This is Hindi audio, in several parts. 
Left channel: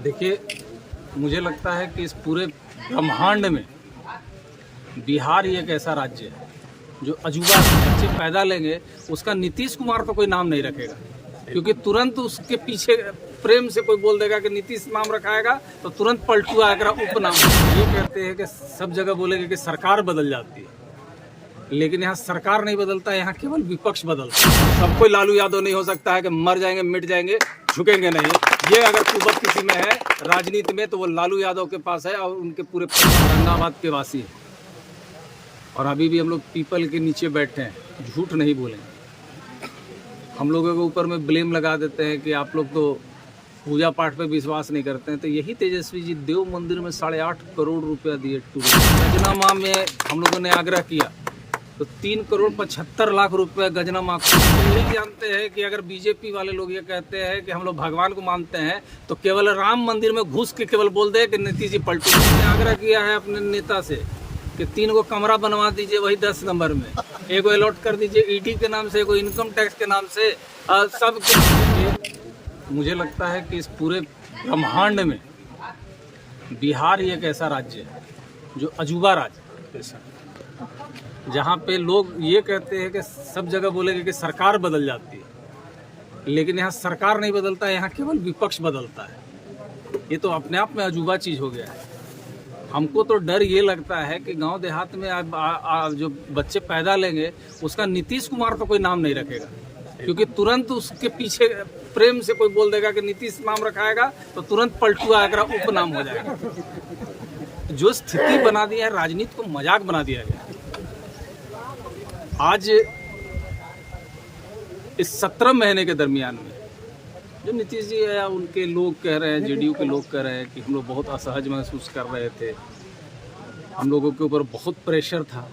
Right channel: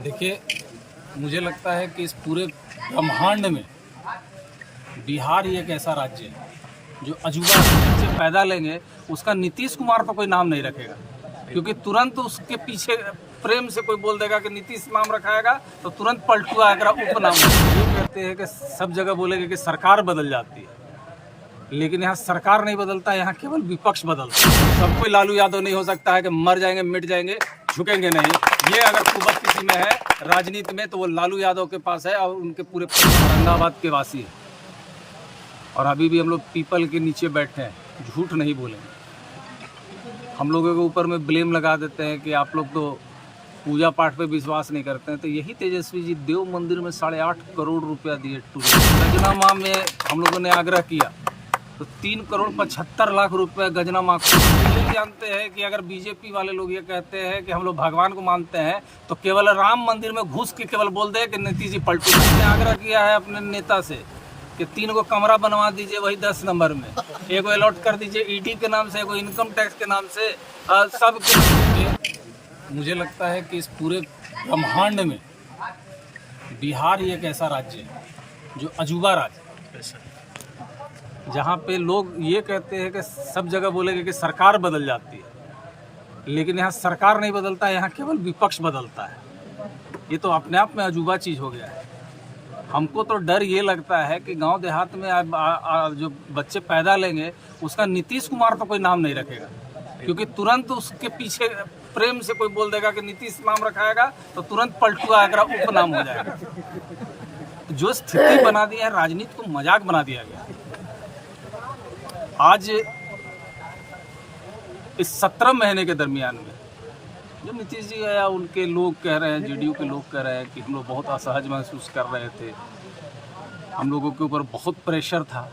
देखिए, मुझे लगता है कि इस पूरे ब्रह्मांड में बिहार ही एक ऐसा राज्य है जो अजूबा बच्चे पैदा लेंगे उसका नीतीश कुमार तो कोई नाम नहीं रखेगा, क्योंकि तुरंत उसके पीछे प्रेम से कोई बोल देगा कि नीतीश नाम रखाएगा तो तुरंत पलटू आएगा उपनाम। ये कहते हैं कि सब जगह बोलेंगे कि सरकार बदल जाती है, लेकिन यहाँ सरकार नहीं बदलता, यहाँ केवल विपक्ष बदलता है। सब कोई लालू यादव नहीं हो सकता है कि मर जाएंगे मिट जाएंगे, झुकेंगे नहीं। ये अगर कुवत किसी में है राजनीति में तो वो लालू यादव के पास है और उनके पूरे औरंगाबाद के वासी है। और अभी भी हम लोग पीपल के नीचे बैठे हैं, झूठ नहीं बोलेंगे। हम लोगों के ऊपर में ब्लेम लगा देते हैं कि आप लोग तो पूजा पाठ पे विश्वास नहीं करते हैं, तो यही तेजस्वी जी देव मंदिर में 8.5 करोड़ रुपया दिए टूरिस्ट। गजना में हम लोगों ने आग्रह किया तो 3,75,00,000 रुपये गजना माँ को। यही जानते हैं कि अगर बीजेपी वाले लोग ये कहते हैं कि हम लोग भगवान को मानते हैं तो केवल राम मंदिर में घुस के केवल बोल दे कि नीतीश जी पलटू। हमने आग्रह किया है अपने नेता से कि 3 गो कमरा बनवा दीजिए वही 10 नंबर में, एगो अलॉट कर दीजिए ईडी के नाम से, एगो इनकम टैक्स के नाम से, सब के। मुझे लगता है कि इस पूरे ब्रह्मांड में बिहार ही एक ऐसा राज्य है जो अजूबा राज्य है, जहाँ पे लोग ये कहते हैं कि सब जगह बोलेंगे कि सरकार बदल जाती है, लेकिन यहाँ सरकार नहीं बदलता, यहाँ केवल विपक्ष बदलता है। ये तो अपने आप में अजूबा चीज़ हो गया है। हमको तो डर ये लगता है कि गांव देहात में जो बच्चे पैदा लेंगे उसका नीतीश कुमार तो कोई नाम नहीं रखेगा, क्योंकि तुरंत उसके पीछे प्रेम से कोई बोल देगा कि नीतीश नाम रखाएगा तो तुरंत पलटू आएगा उपनाम हो जाएगा। जो स्थिति बना दी है, राजनीति को मजाक बना दिया गया। आज इस 17 महीने के दरमियान में जो नीतीश जी या उनके लोग कह रहे हैं, जेडीयू के लोग कह रहे हैं कि हम लोग बहुत असहज महसूस कर रहे थे, हम लोगों के ऊपर बहुत प्रेशर था,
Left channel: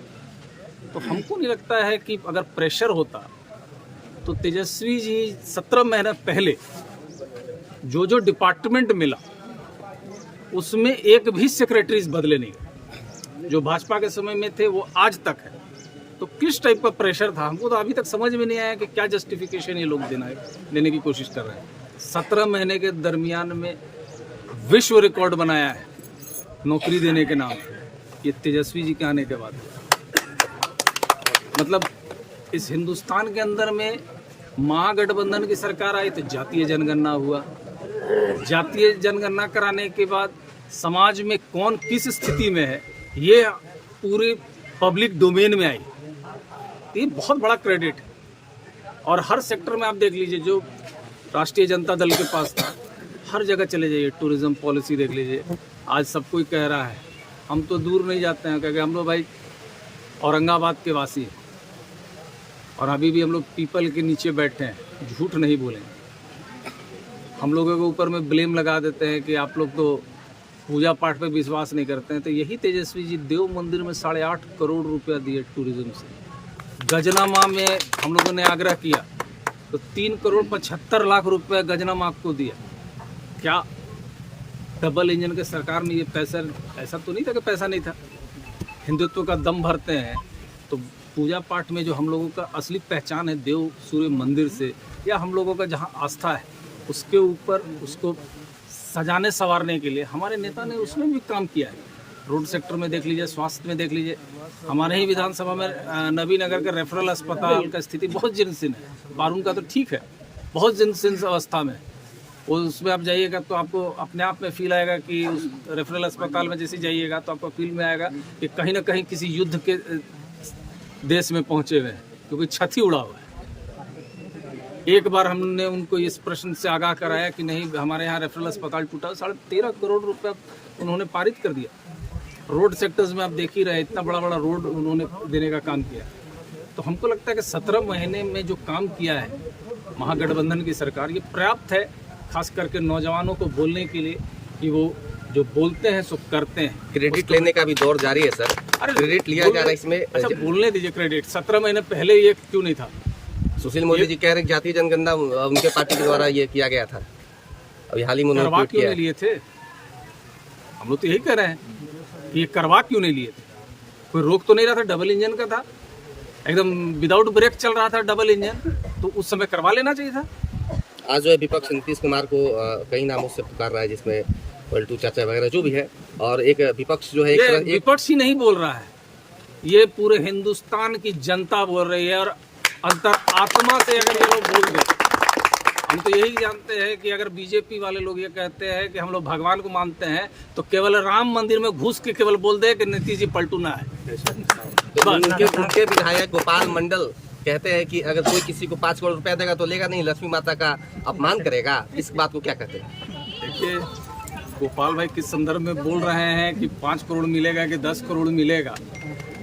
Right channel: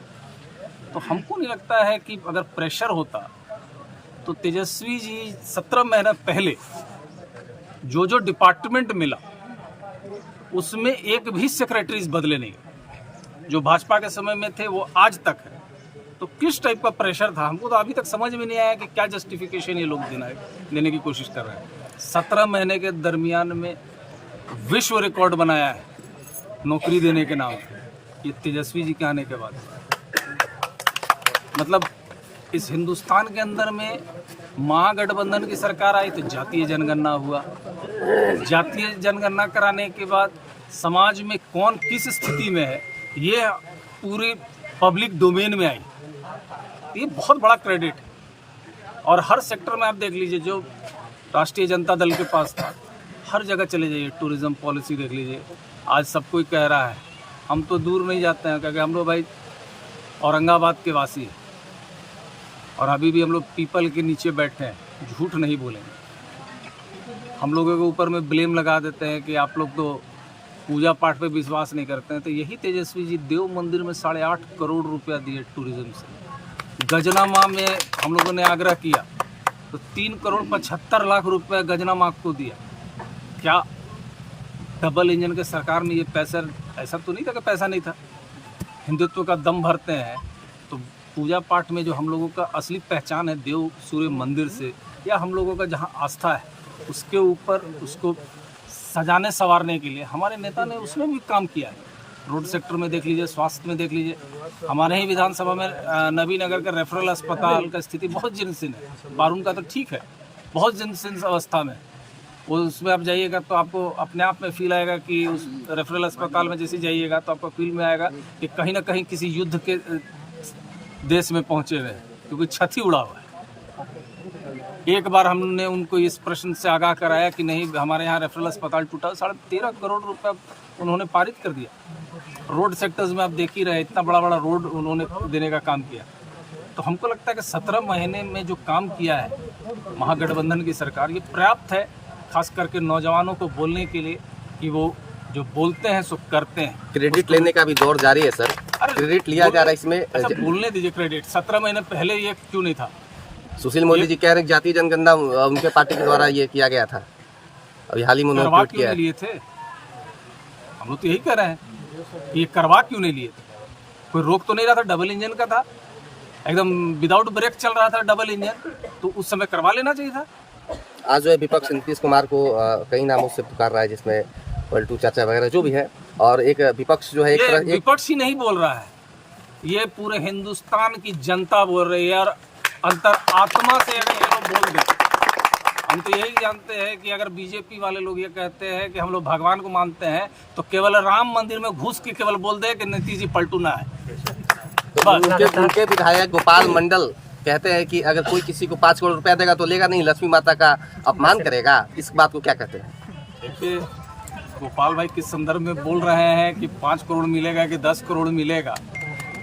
तो हमको नहीं लगता है कि अगर प्रेशर होता तो तेजस्वी जी 17 महीने पहले जो डिपार्टमेंट मिला उसमें एक भी सेक्रेटरीज बदले नहीं गए। जो भाजपा के समय में थे वो आज तक है। तो किस टाइप का प्रेशर था, हमको तो अभी तक समझ में नहीं आया कि क्या जस्टिफिकेशन ये लोग देने की कोशिश कर रहे हैं। 17 महीने के दरमियान में विश्व रिकॉर्ड बनाया है नौकरी देने के नाम पे, ये तेजस्वी जी के आने के बाद हुआ। मतलब इस हिंदुस्तान के अंदर में महागठबंधन की सरकार आई तो जातीय जनगणना हुआ। जातीय जनगणना कराने के बाद समाज में कौन किस स्थिति में है ये पूरी पब्लिक डोमेन में आई। ये बहुत बड़ा क्रेडिट है। और हर सेक्टर में आप देख लीजिए, जो राष्ट्रीय जनता दल के पास था, हर जगह चले जाइए, टूरिज्म पॉलिसी देख लीजिए। आज सब कोई कह रहा है, हम तो दूर नहीं जाते हैं क्योंकि हम लोग भाई औरंगाबाद के वासी हैं और अभी भी हम लोग पीपल के नीचे बैठे हैं, झूठ नहीं बोलेंगे। हम लोगों के ऊपर में ब्लेम लगा देते हैं कि आप लोग तो पूजा पाठ पे विश्वास नहीं करते हैं, तो यही तेजस्वी जी देव मंदिर में 8.5 करोड़ रुपया दिए टूरिज्म से। गजना माँ में हम लोगों ने आग्रह किया तो 3,75,00,000 रुपये गजना माँ को दिया। क्या डबल इंजन के सरकार में ये पैसा, ऐसा तो नहीं था कि पैसा नहीं था। हिंदुत्व का दम भरते हैं तो पूजा पाठ में जो हम लोगों का असली पहचान है देव सूर्य मंदिर से, या हम लोगों का जहाँ आस्था है उसके ऊपर उसको सजाने संवारने के लिए हमारे नेता ने उसमें भी काम किया है। रोड सेक्टर में देख लीजिए, स्वास्थ्य में देख लीजिए। हमारे ही विधानसभा में नबी नगर का रेफरल अस्पताल का स्थिति बहुत जीर्ण है। बारून का तो ठीक है, बहुत जीर्ण अवस्था में। उसमें आप जाइएगा तो आपको अपने आप में फील आएगा कि उस रेफरल अस्पताल में जैसे जाइएगा तो आपको फील में आएगा कि कहीं ना कहीं किसी युद्ध के देश में पहुँचे हुए हैं, क्योंकि छत ही उड़ा हुआ है। एक बार हमने उनको इस प्रश्न से आगाह कराया कि नहीं, हमारे यहाँ रेफरल अस्पताल टूटा, 13.5 करोड़ रुपया उन्होंने पारित कर दिया। रोड सेक्टर्स में आप देख ही रहे, इतना बड़ा बड़ा रोड उन्होंने देने का काम किया। तो हमको लगता है कि 17 महीने में जो काम किया है महागठबंधन की सरकार, ये पर्याप्त है, खास करके नौजवानों को बोलने के लिए कि वो जो बोलते हैं सो करते हैं। क्रेडिट लेने का भी दौर जारी है सर, क्रेडिट लिया जा रहा है इसमें। अच्छा, बोलने दीजिए क्रेडिट। 17 महीने पहले ये क्यों नहीं था? सुशील मोदी जी कह रहे हैं जातीय जनगणना उनके पार्टी के द्वारा ये किया गया था, अभी हाल ही में करवा क्यों नहीं लिए थे? हम लोग तो यही कह रहे हैं कि ये करवा क्यों नहीं लिए थे। कोई रोक तो नहीं रहा था, डबल इंजन का था, एकदम विदाउट ब्रेक चल रहा था डबल इंजन, तो उस समय करवा लेना चाहिए था। आज जो है विपक्ष नीतीश कुमार को कई नामों से पुकार रहा है, जिसमें पलटू चाचा वगैरह जो भी है, और एक विपक्ष जो है ये विपक्ष ही नहीं बोल रहा है, ये पूरे हिंदुस्तान की जनता बोल रही है। और अंतर आत्मा से अगर ये लोग बोल दे, हम तो यही जानते हैं कि अगर बीजेपी वाले लोग ये कहते हैं कि हम लोग भगवान को मानते हैं, तो केवल राम मंदिर में घुस के केवल बोल दे कि नीतीश जी पलटू ना है। तो उनके विधायक गोपाल मंडल कहते हैं कि अगर कोई किसी को 5 करोड़ रुपया देगा तो लेगा नहीं, लक्ष्मी माता का अपमान करेगा। इस बात को क्या कहते हैं? देखिए, गोपाल भाई किस संदर्भ में बोल रहे हैं कि 5 करोड़ मिलेगा कि 10 करोड़ मिलेगा,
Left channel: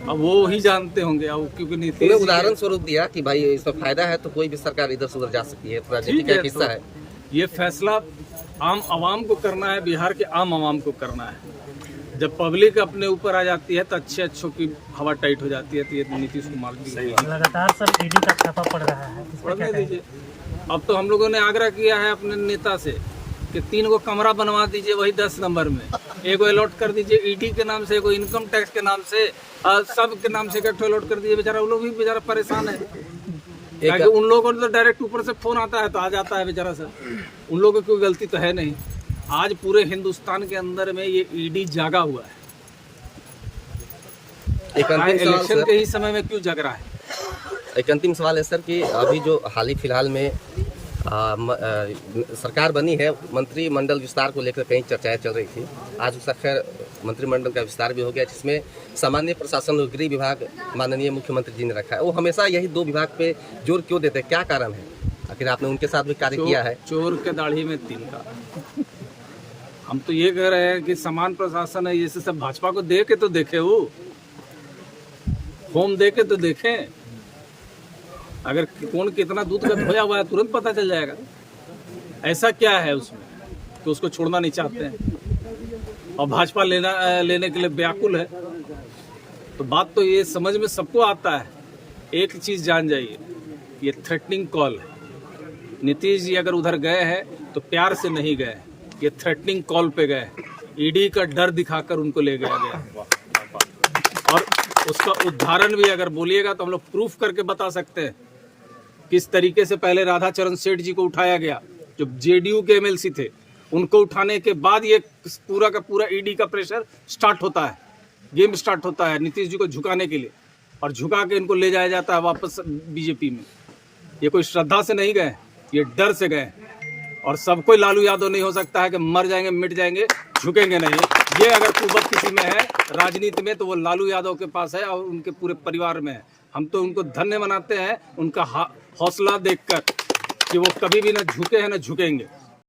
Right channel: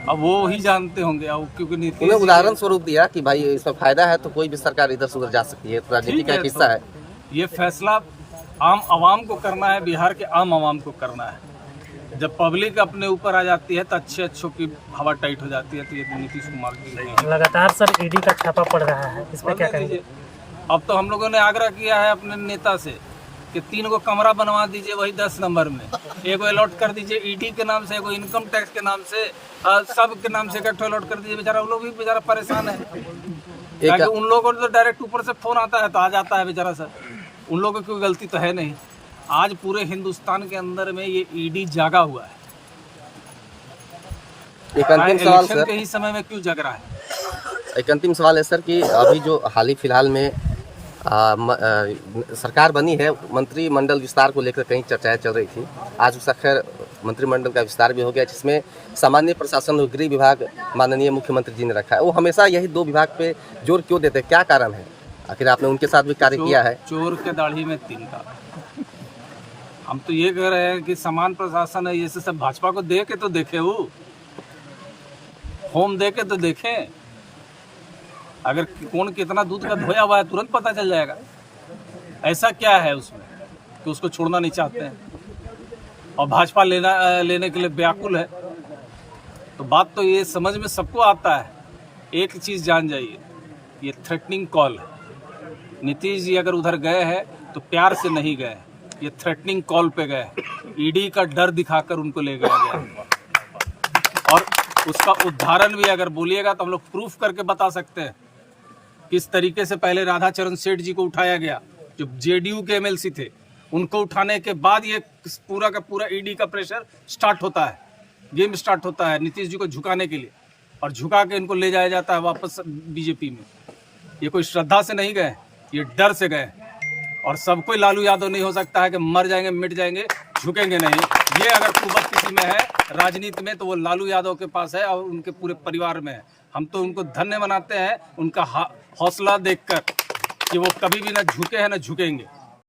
अब वो ही जानते होंगे। अब क्योंकि नीतीश उन्हें उदाहरण स्वरूप दिया कि भाई इसमें फायदा है तो कोई भी सरकार इधर से उधर जा सकती है, राजनीति का एक हिस्सा है। ये फैसला आम आवाम को करना है, बिहार के आम आवाम को करना है। जब पब्लिक अपने ऊपर आ जाती है तो अच्छों की हवा टाइट हो जाती है। तो ये नीतीश कुमार की लगातार सर ईडी का छापा पड़ रहा है, इस पर क्या कहेंगे? अब तो हम लोगों ने आग्रह किया है अपने नेता से कि 3 गो कमरा बनवा दीजिए वही 10 नंबर में, एगो अलॉट कर दीजिए ईडी के नाम से, एगो इनकम टैक्स के नाम से, सब के नाम से इकट्ठे अलॉट कर दीजिए। बेचारा उन लोग भी बेचारा परेशान है, क्योंकि उन लोगों को तो डायरेक्ट ऊपर से फोन आता है तो आ जाता है बेचारा सर। उन लोगों की कोई गलती तो है नहीं। आज पूरे हिंदुस्तान के अंदर में ये ईडी जागा हुआ है। इलेक्शन के ही समय में क्यों जग रहा है? एक अंतिम सवाल है सर कि अभी जो हाल ही फिलहाल में सरकार बनी है, मंत्रिमंडल विस्तार को लेकर कई चर्चाएं चल रही थी। आज उसका खैर मंत्रिमंडल का विस्तार भी हो गया, जिसमें सामान्य प्रशासन और गृह विभाग माननीय मुख्यमंत्री जी ने रखा है। वो हमेशा यही 2 विभाग पे जोर क्यों देते हैं, क्या कारण है? आखिर आपने उनके साथ भी कार्य किया है। चोर के दाढ़ी में 3 का। हम तो ये कह रहे हैं कि समान प्रशासन है, जैसे सब भाजपा को दे के तो देखे, वो होम दे के तो देखें। अगर कौन कितना दूध का धोया हुआ है तुरंत पता चल जाएगा। ऐसा क्या है उसमें कि उसको छोड़ना नहीं चाहते हैं और भाजपा लेने के लिए व्याकुल है? तो बात तो ये समझ में सबको आता है। एक चीज़ जान जाइए, ये थ्रेटनिंग कॉल है। नीतीश जी अगर उधर गए हैं तो प्यार से नहीं गए, ये थ्रेटनिंग कॉल पे गए। ईडी का डर दिखाकर उनको ले गया गया, और उसका उदाहरण भी अगर बोलिएगा तो हम लोग प्रूफ करके बता सकते हैं किस तरीके से पहले राधाचरण सेठ जी को उठाया गया, जो जेडीयू के एमएलसी थे। उनको उठाने के बाद ये पूरा का पूरा ईडी का प्रेशर स्टार्ट होता है, गेम स्टार्ट होता है नीतीश जी को झुकाने के लिए, और झुका के इनको ले जाया जाता है वापस बीजेपी में। ये कोई श्रद्धा से नहीं गए, ये डर से गए। और सब कोई लालू यादव नहीं हो सकता है कि मर जाएंगे मिट जाएंगे, झुकेंगे नहीं। ये अगर कुवत किसी में है राजनीति में तो वो लालू यादव के पास है और उनके पूरे परिवार में है। हम तो उनको धन्य मनाते हैं, उनका हौसला देखकर कि वो कभी भी ना झुके हैं ना झुकेंगे।